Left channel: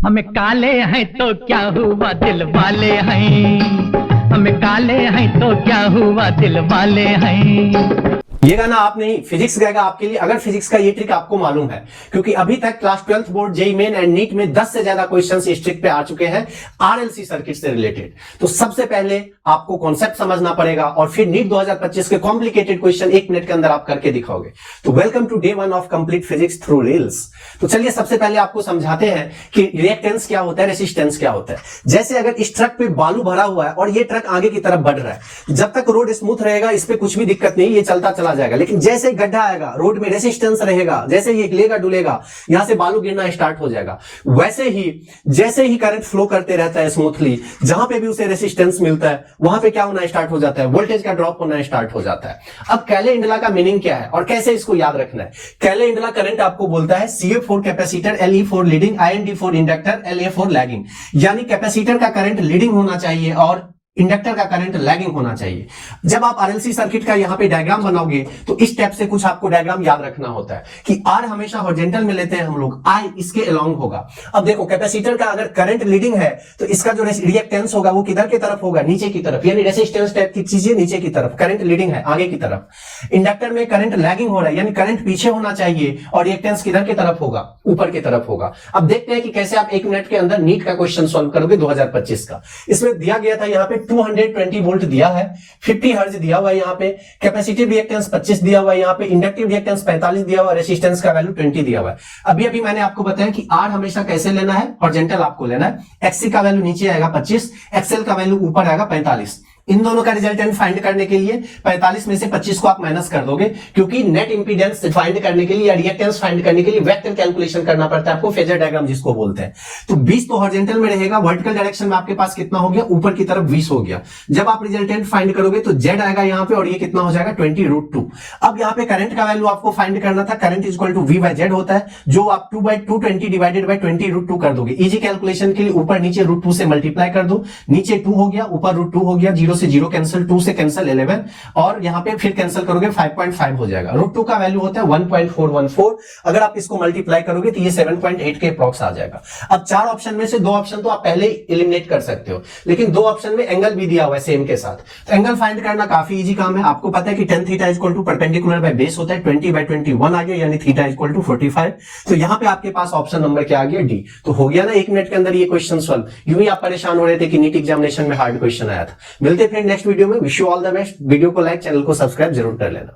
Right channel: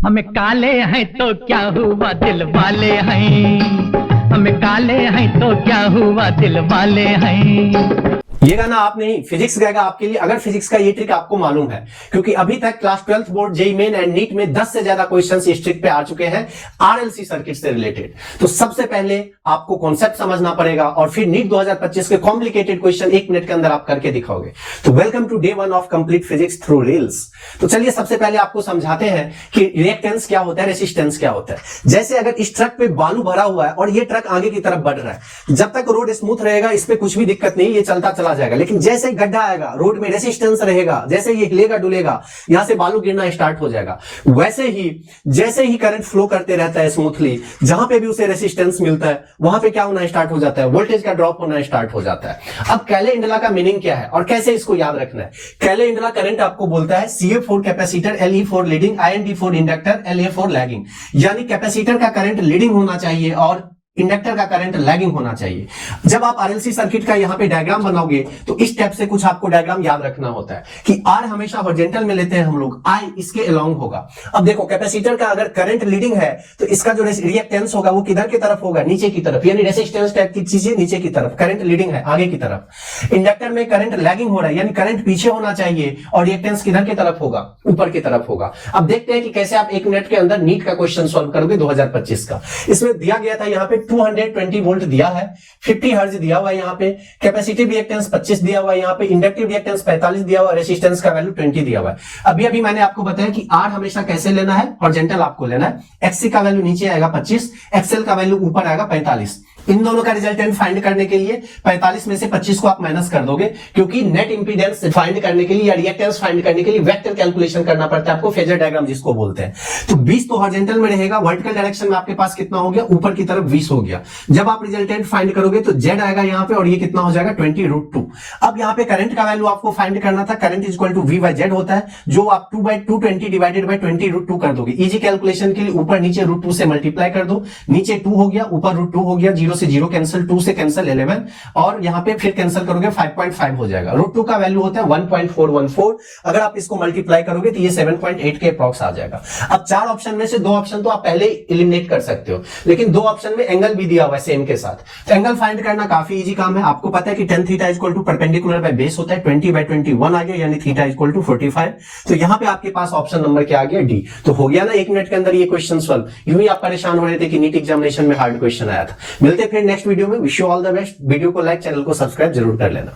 हमें काले हैं तो क्या हुआ दिल वाले हैं, हमें काले हैं तो क्या हुआ दिल वाले हैं। ये गाना आप नहीं, फिजिक्स गाएगा आपके लिए, अगर फिजिक्स का ये ट्रिक आपको मालूम है, क्योंकि अभी तक class 12th board JEE Main and NEET में 10 से ज्यादा क्वेश्चंस इस ट्रिक पे आ चुके हैं आरएलसी सर्किट से रिलेटेड। तो सबसे पहले आपको कॉन्सेप्ट समझना पड़ेगा और फिर नीट 2025 के कॉम्प्लिकेटेड क्वेश्चन 1 मिनट के अंदर आप करके दिखाओगे। तो welcome to day 1 of complete physics through reels. तो चलिए सबसे पहले आपको समझाते हैं कि रिएक्टेंस क्या होता है, रेसिस्टेंस क्या होता है। जैसे अगर इस ट्रक पे बालू भरा हुआ है और ये ट्रक आगे की तरफ बढ़ रहा है, जब तक रोड स्मूथ रहेगा इस पे कुछ भी दिक्कत नहीं, ये चलता चला जाएगा। लेकिन जैसे ही गड्ढा आएगा, रोड में रेसिस्टेंस रहेगा, जैसे ये हिलेगा डुलेगा, यहां से बालू गिरना स्टार्ट हो जाएगा। वैसे ही जैसे ही करंट फ्लो करते रहता है स्मूथली, जहां पे भी उसे रेसिस्टेंस मिलता है वहां पे क्या होना स्टार्ट हो जाता है, वोल्टेज का ड्रॉप होना स्टार्ट हो जाता है। अब कैले-इंडला का मीनिंग क्या है और कैसे इसको याद रखना है। कैले-इंडला करंट आपको बोलता है CA4 capacitor, LE4 leading, IND4 inductor, LA4 lagging. यानी कैपेसिटर का करंट लीडिंग होना चाहिए और इंडक्टर का करंट लैगिंग होना चाहिए। जब आप आरएलसी सर्किट का यहां पे डायग्राम बनाओगे तो इस टाइप से कुछ आपको डायग्राम याद रखना होता है कि आर हमेशा हॉरिजॉन्टल में लेते हैं हम लोग, आई इसके अलोंग होगा। अब देखो कैपेसिटर का अगर करंट लीडिंग है तो इसका जो रिएक्टेंस होगा वो किधर की तरफ होगा, नीचे की तरफ, यानी रेसिस्टेंस टाइप की चीजें नीचे की तरफ, करंट लीडिंग है आगे की तरफ। इंडक्टर में करंट लैगिंग हो रहा है यानी करंट पीछे होना चाहिए और रिएक्टेंस किधर की तरफ होगा, ऊपर की तरफ होगा। अब देखते हैं कि कैसे आप 1 मिनट के अंदर नीट का क्वेश्चन सॉल्व करोगे 2025 का। इसमें दिया गया था यहाँ पे 220 वोल्ट दिया है, 50 हर्ट्ज दिया हुआ है, यहाँ पे कैपेसिटिव रिएक्टेंस 25 दिया हुआ है, यहाँ पे इंडक्टिव रिएक्टेंस 45 दिया हुआ है, रेसिस्टेंस का वैल्यू 20 दिया हुआ है। अभी अभी मैंने आपको बताया कि आर हमेशा कैसे लेना है, हॉरिजॉन्टल आपको लेना है। एक्सी का वैल्यू नीचे आएगा 25, एक्सएल का वैल्यू ऊपर आएगा 45। इन दोनों का रिजल्टेंट फाइंड करने के लिए 45 में से 25 को आप माइनस कर दोगे, क्योंकि नेट इंपीडेंस फाइंड करने के लिए या रिएक्टेंस फाइंड करने के लिए वेक्टर कैलकुलेशन करना पड़ता है आपको, फेजर डायग्राम जिसको बोलते हैं। तो 20 तो हॉरिजॉन्टल में रहेगा, वर्टिकल डायरेक्शन में आपके पास कितना हो गया, ऊपर की तरफ 20 हो गया। जब आप रिजल्टेंट फाइंड करोगे तो जेड आएगा यहाँ पे और ये कितना हो जाएगा 20√2। अब यहाँ पे करंट का वैल्यू आपको फाइंड करना था, current is equal to V/Z होता है, जो आप 2/220 डिवाइडेड बाय 20√2 कर दोगे। इजी कैलकुलेशन के लिए ऊपर नीचे √2 से मल्टीप्लाई कर दो, नीचे 2 हो गया, ऊपर √2 हो गया, 0 से 0 कैंसिल, 2 से कैंसिल 11 और यहां पे फिर कैंसिल करोगे 5.5 हो जाएगा। √2 का वैल्यू होता है 1.414, अगर आप इसको मल्टीप्लाई करोगे तो ये 7.8 के अप्रॉक्स आ जाएगा। अब 4 ऑप्शन में से 2 ऑप्शन तो आप पहले एलिमिनेट कर सकते हो, लेकिन 2 ऑप्शन में एंगल भी दिया हुआ है सेम के साथ। तो एंगल फाइंड करना काफी इजी काम है। आपको पता है कि tan theta equal to perpendicular by base होता है, 20/21 आ गया, यानी थीटा इक्वल टू 45। तो यहां पे आपके पास ऑप्शन नंबर क्या आ गया, डी। तो हो गया ना 1 मिनट के अंदर ये क्वेश्चन सॉल्व। यूं ही आप परेशान हो रहे थे कि नीट एग्जामिनेशन में हार्ड क्वेश्चन आया था। मिलते फिर नेक्स्ट वीडियो में। Wish you all the best. Video को लाइक, चैनल को सब्सक्राइब जरूर कर लेना।